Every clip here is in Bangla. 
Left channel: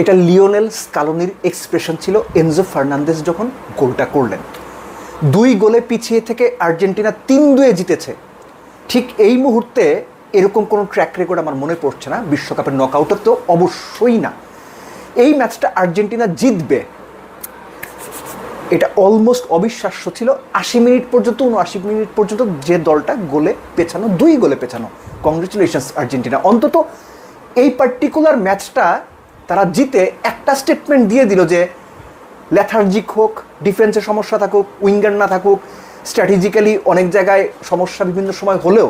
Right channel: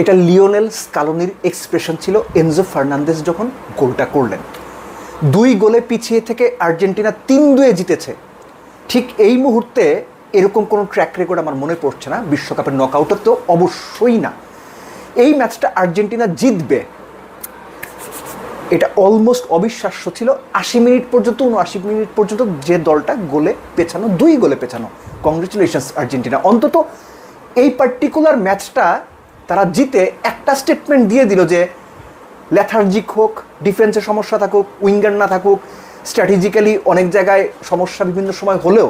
এটা লিওনেল স্কালোনির এক্সপ্রেশন ছিল এনজো ফার্নান্দেজ যখন গোলটা করলেন। 2 গোলে পিছিয়ে থেকে আর্জেন্টিনা 3-2 জিতেছে। ঠিক এই মুহূর্তে এরকম কোনো ট্র্যাক রেকর্ড আমার মনে পড়ছে না, বিশ্বকাপের নকআউটের তো অবশ্যই না। এই ম্যাচটা আর্জেন্টিনা জিতবে এটা অলমোস্ট অবিশ্বাস্য ছিল। 80 মিনিট পর্যন্ত 79 মিনিট পর্যন্ত যে দলটা গোলে পেছানো, 2 গোলে পেছানো। কংগ্রেচুলেশনস আর্জেন্টিনা, অন্তত এই পার্টিকুলার ম্যাচটা তারা জিতে একটা স্টেটমেন্ট দিয়ে দিল যে লেথার্জিক হোক, ডিফেন্সের সমস্যা থাকুক, উইঙ্গার না থাকুক, স্ট্র্যাটেজিক্যালি অনেক জায়গায় সমস্যা বিভিন্ন সময় হলেও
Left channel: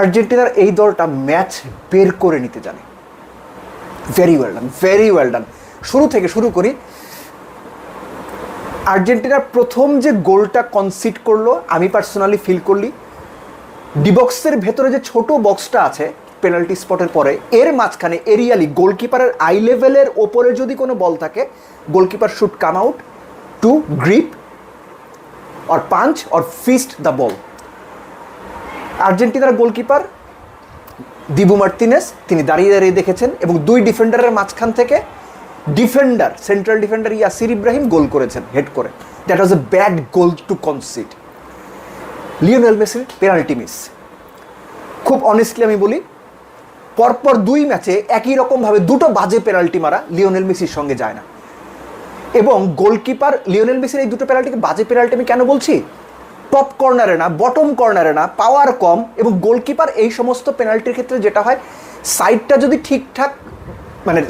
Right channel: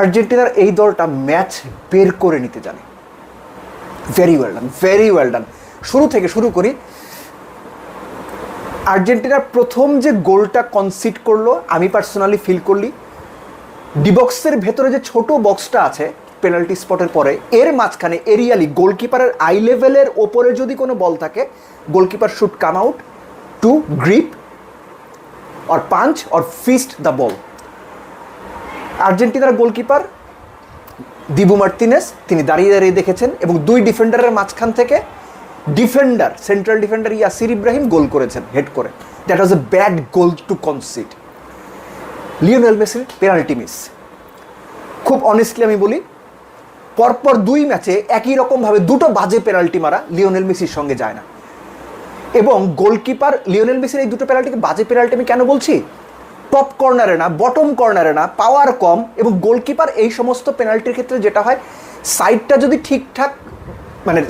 আর্জেন্টিনার এই দলটা ম্যাচ বের করে নিতে জানে। Very well done, very well done. শুরু থেকে শুরু করি। আর্জেন্টিনার প্রথম যে গোলটা কনসিড করলো, আমি পার্সোনালি ফিল করলি ডিবক্সের ভেতরে যে ছোট বক্সটা আছে পেনাল্টি স্পটের পরে, এর মাঝখানে এরিয়ালি গোলকিপারের আই লেভেলের ওপরে যদি কোনো বল থাকে, goalkeeper should come out to grip or punch or fist the ball. আর্জেন্টিনার গোলকিপার দিবু মার্তিনেস তিনি দাঁড়িয়ে দাঁড়িয়ে দেখেছেন এবং 2 ডিফেন্ডারের মাঝখান থেকে defender, central defender Yasser Ibrahim goal করেছেন হেড করে। That was a bad goal to concede. Lionel মেসির পেনাল্টি মিস। খুব অনেস্টলি আমি বলি, পরপর 2 ম্যাচে একই রকমভাবে 2টো বাজে পেনাল্টি মারা লিওনেল মেসির সঙ্গে যায় না। এবং গোলকিপার লিওনেল মেসির এই 2টো পেনাল্টিকে বাজে পেনাল্টি আমি কেন বলছি? টপ কর্নারে না, বটম কর্নারে না, পাওয়ার কম। এবং গোলকিপার এই সমস্ত পেনাল্টির ক্ষেত্রে যেটা হয়, সাইডটা যদি ঠিকঠাক মানে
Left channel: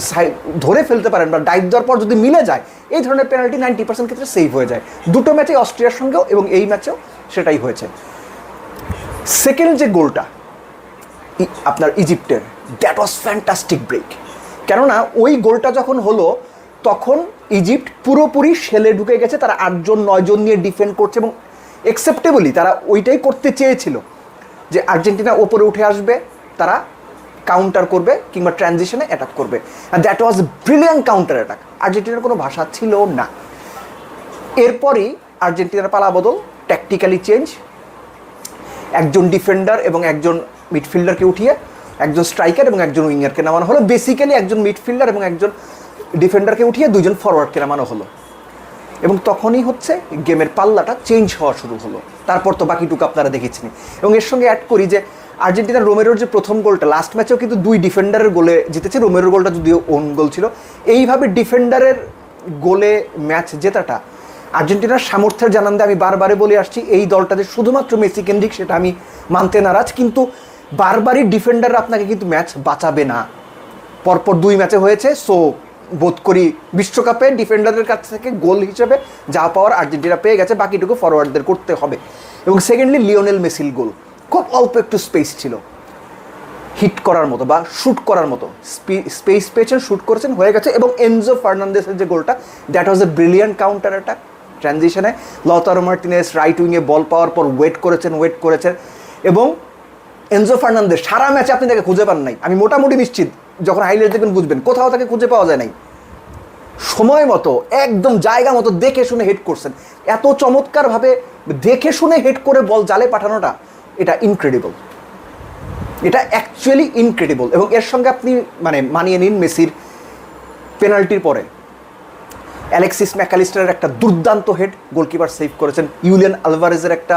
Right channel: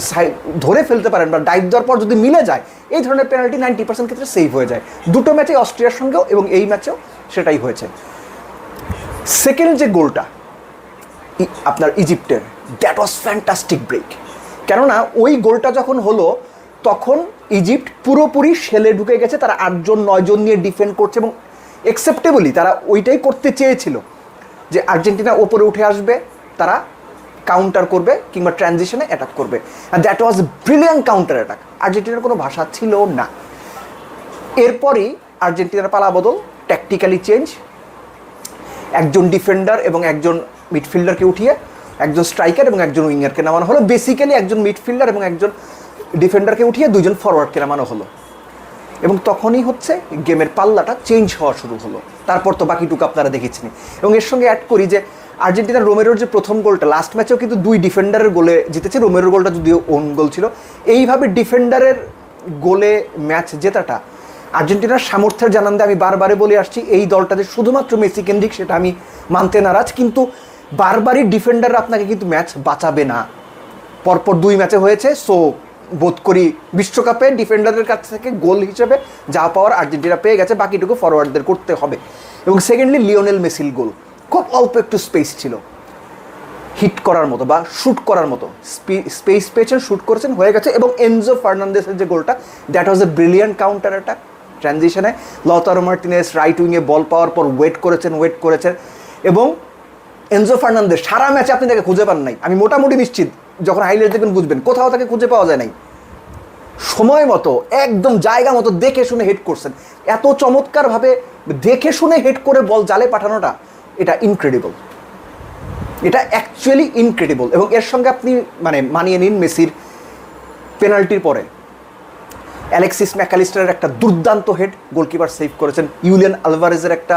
ধরে ফেলতে পারেন বা ডাইভ দেওয়ার পর যদি মিলে যায়, এই ধরনের পেনাল্টি 90% ক্ষেত্রে সেভ হয়ে যায়। 2টো ম্যাচে অস্ট্রিয়ার সঙ্গেও এবং এই ম্যাচেও সেটাই হয়েছে। সেকেন্ড যে গোলটা আপনার ইজিপ্টের, দ্যাট ওয়াজ ফ্যান্টাস্টিক ব্রেক। কেননা ওই গোলটা যখন হলো তখন ইজিপ্ট পুরোপুরি শেলে ঢুকে গেছে। তারা 8 জন 9 জন নিয়ে ডিফেন্ড করছে এবং একসেপ্টেবলি তারা ওইটাই করতে চেয়েছিল যে আর্জেন্টিনা ওপরে উঠে আসবে, তারা কাউন্টার করবে কিংবা ট্রানজিশনে অ্যাটাক করবে। And that was brilliant counter attack. আর্জেন্টিনার কোনো ভাষা ছিল না। এরপরই আর্জেন্টিনার পালা বদল, ট্যাকটিক্যালি চেঞ্জ। একজন ডিফেন্ডার এবং একজন মিডফিল্ডারকে উঠিয়ে একজন স্ট্রাইকার এবং একজন উইঙ্গারকে নামানো হলো। বেসিক্যালি একজন মিডফিল্ডার এবং একজন ডিফেন্ডারকে উঠিয়ে 2 জন ফরওয়ার্ডকে নামানো হলো। এবং তখনই হচ্ছে গেমের পাল্লাটা চেঞ্জ হওয়া শুরু হলো। তারপর তো বাকিটুকু আপনারা দেখেছেন। এবং এর সঙ্গে অ্যাড করি যে আর্জেন্টিনার রোমেরোর যে প্রথম গোলটা, লাস্ট ম্যাচেও কিন্তু 2 ডিফেন্ডারের গোলে জিতেছে। রোমেরোর গোলটা যদিও ওন গোল ছিল। এইভাবে ডিফেন্ডারের গোলে ম্যাচ জেতাটা আর্জেন্টিনার সামর্থ্যের জানান দিয়ে আমি বারবারই বলে আসছি, এই দলটাতে শুধুমাত্র মেসি কেন্দ্রিক সেটা আমি মানতে নারাজ। কিন্তু বারবারই ডিফেন্ডার আপনাকে কিন্তু ম্যাচ বাঁচাবে না। পরপর 2 ম্যাচে হয়েছে। সো বোধ করি বিশ্বকাপে ডিফেন্ডারের কাছ থেকে গোল হিসেবে যা পাওয়ার আর্জেন্টিনা পেয়ে গেছে, বাকিটুকু ফরওয়ার্ডদের করতে হবে। এবং সেকেন্ডলি লিওনেল মেসির গোল, খুব অল্প একটু স্পেস ছিল হিট করার মতো বা শুট করার মতো, স্পেস পেয়েছেন, শুট করেছেন, হয়ে গেছে। এবং এনজো ফার্নান্দেসের যে গোলটা, that was a brilliant counter attack. ট্রানজিশনে লতারো মার্টিনেস রাইট উইংয়ে বল পাওয়ার পর ওয়েট করেছেন এবং এনজো ফার্নান্দেস সারা ম্যাচে আপনি তাকে খুঁজে পান নাই। আমি মোটামুটি নিশ্চিত, যখন হাইলাইট দেখবেন বুঝবেন, কোথাও তাকে খুঁজে পাওয়া যায় নাই। সময় মতো একদম জায়গা মতো দেখে শুনে হেড করছেন। এত চমৎকার ভাবে দেখে শুনে হেড করে বল জালে পাঠানোটা, এটা ইনক্রেডিবল, এটা অ্যাকচুয়ালি ইনক্রেডিবল। এবং এর সঙ্গে আপনি মানে মানিয়ে নিন মেসির পেনাল্টির পরে অ্যালেক্সিস ম্যাকালিস্টারের একটা দুর্দান্ত হেড গোলকিপার সেভ করেছেন। ইউলিয়ান আলভারেজের একটা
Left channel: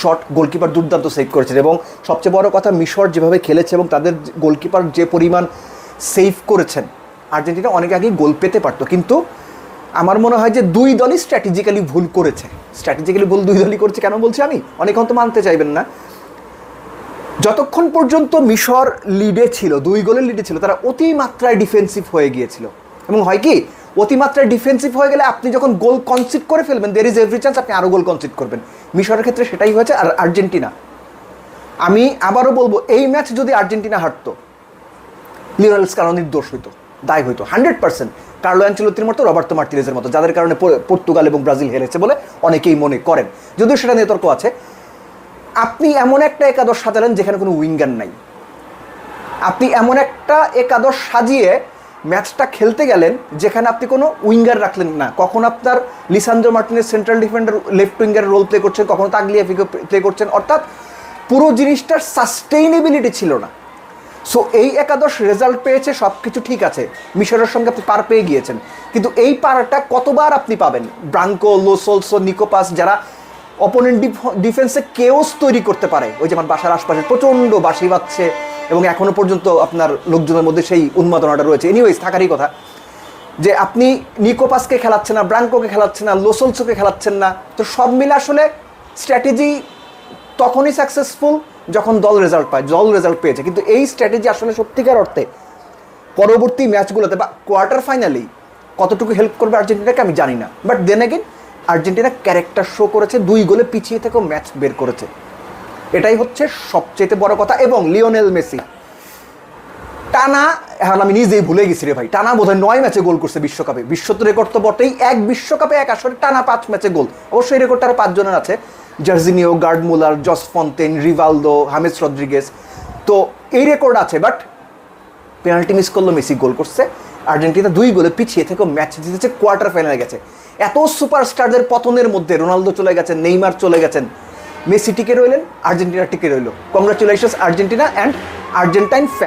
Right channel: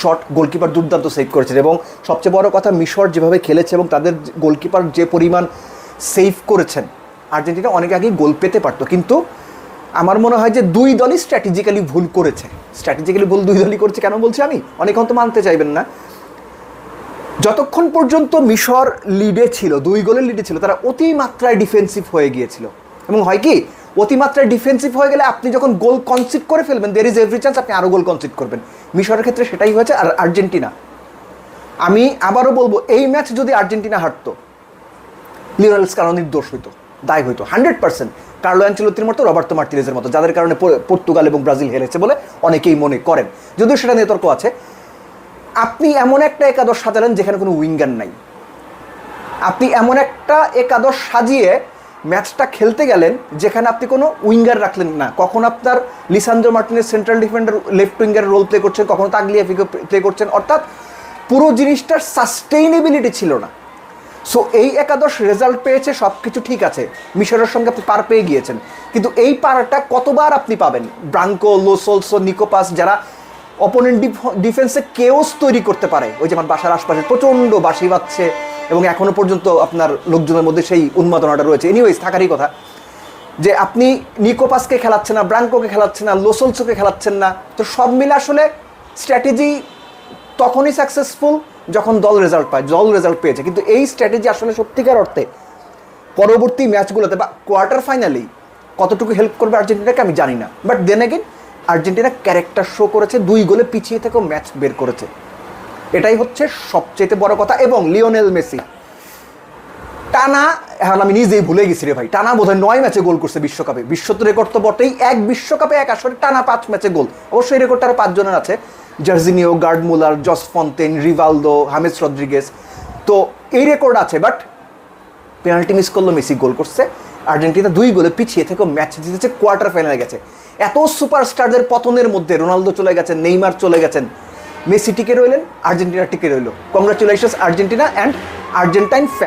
শট গোলকিপার দুর্দান্ত সেভ করেছেন। এবং সবচেয়ে বড় কথা, মিশর যেভাবে খেলেছে এবং তাদের গোলকিপার যে পরিমাণ সেভ করেছেন, আর্জেন্টিনা অনেক আগেই গোল পেতে পারতো। কিন্তু আমার মনে হয় যে 2 দলই স্ট্র্যাটেজিক্যালি ভুল করেছে। স্ট্র্যাটেজিক্যালি ভুল 2 দলই করেছে। কেন বলছি আমি? অনেকে হয়তো মানতে চাইবেন না। যতক্ষণ পর্যন্ত মিশর লিডে ছিল, 2 গোলের লিডে ছিল, তারা অতিমাত্রায় ডিফেন্সিভ হয়ে গিয়েছিল। এবং হয় কি, অতিমাত্রায় ডিফেন্সিভ হয়ে গেলে আপনি যখন গোল কনসিড করে ফেলবেন, দের ইজ এভরি চান্স আপনি আরো গোল কনসিড করবেন। মিশরের ক্ষেত্রে সেটাই হয়েছে। আর আর্জেন্টিনা, আমি আবারও বলবো, এই ম্যাচ যদি আর্জেন্টিনা হারতো, লিওনেল স্কালোনির দোষ হইতো, দায় হইতো 100%। কার্লো অ্যানচেলোত্তির মতো, রবার্তো মার্টিনেজের মতো, যাদের কারণে পর্তুগাল এবং ব্রাজিল হেরেছে বলে অনেকেই মনে করেন, যদিও সেটা নিয়ে তর্ক আছে। আপনি এমন একটা একাদশ সাজালেন যেখানে কোনো উইঙ্গার নাই। আপনি এমন একটা একাদশ সাজিয়ে ম্যাচটা খেলতে গেলেন যেখানে আপনি কোনো উইঙ্গার রাখলেন না। কখন আপনার Lisandro Martinez central defender left winger role play করছেন, কখনো তাগলিয়াফিকো প্লে করছেন। অর্থাৎ পুরো জিনিসটার সাস্টেইনেবিলিটি ছিল না। সো এই একাদশ রেজাল্ট পেয়েছে, সব কিছু ঠিক আছে, মিশরের সঙ্গে আপনি পার পেয়ে গিয়েছেন, কিন্তু এই পারটা কতবার আপনি পাবেন? ব্রাঙ্কো, লোসোলসো, নিকোপাস, যারা অপোনেন্ট ডিফেন্সে কেওস তৈরি করতে পারে, ওই যে আমার বাসার আশপাশে প্রচণ্ড বাঁশি বাজছে এবং এখনো পর্যন্ত আপনার লোকজনের মধ্যে সেই উন্মাদনাটা রয়েছে। এনিওয়েজ, থাকারই কথা যে আপনি নিকোপাসকে খেলাচ্ছেন না, ব্রাঙ্কোকে খেলাচ্ছেন না, লোসোলসোকে খেলাচ্ছেন না। তো সব মিলে আসলে স্ট্র্যাটেজি তখনই সাকসেসফুল যখন দল রেজাল্ট পায়, দল রেজাল্ট পেয়েছে। কিন্তু এই স্ট্র্যাটেজি আসলে সত্যিকার অর্থে পরবর্তী ম্যাচগুলোতে বা কোয়ার্টার ফাইনালি কতটুকু হেল্প করবে আর্জেন্টিনাকে আমি জানি না, but then again Argentina character show করেছে, 2 গোলে পিছিয়ে থেকেও ম্যাচ বের করেছে, এটাই হচ্ছে সবচেয়ে বড় কথা। এবং লিওনেল মেসি টানা, এখন আমি নিজেই ভুলে গেছি রে ভাই, টানা বোধহয় 9 ম্যাচে গোল করছে বিশ্বকাপে। বিশ্ব তো রেকর্ড তো বটেই, এক বিশ্বকাপে এক আসরে টানা 5 ম্যাচে গোল। অবশ্যই রেকর্ডটা আরো 5 জনের আছে, জার্জিনিও, গার্ড মুলার, জস ফন্তেন, রিভালদো, হামেস রদ্রিগেজ, তো এই রেকর্ড আছে। বাট পেনাল্টি মিস করলো, মেসি গোল করছে, আর্জেন্টিনা 2 গোলে পিছিয়ে থেকে ম্যাচ জিতেছে, কোয়ার্টার ফাইনালে গেছে। এত সুপারস্টারদের পতনের মধ্যে রোনালদো চলে গেছেন, নেইমার চলে গেছেন, মেসি টিকে রইলেন, আর্জেন্টিনা টিকে রইল। Congratulations Argentina and Argentine fan.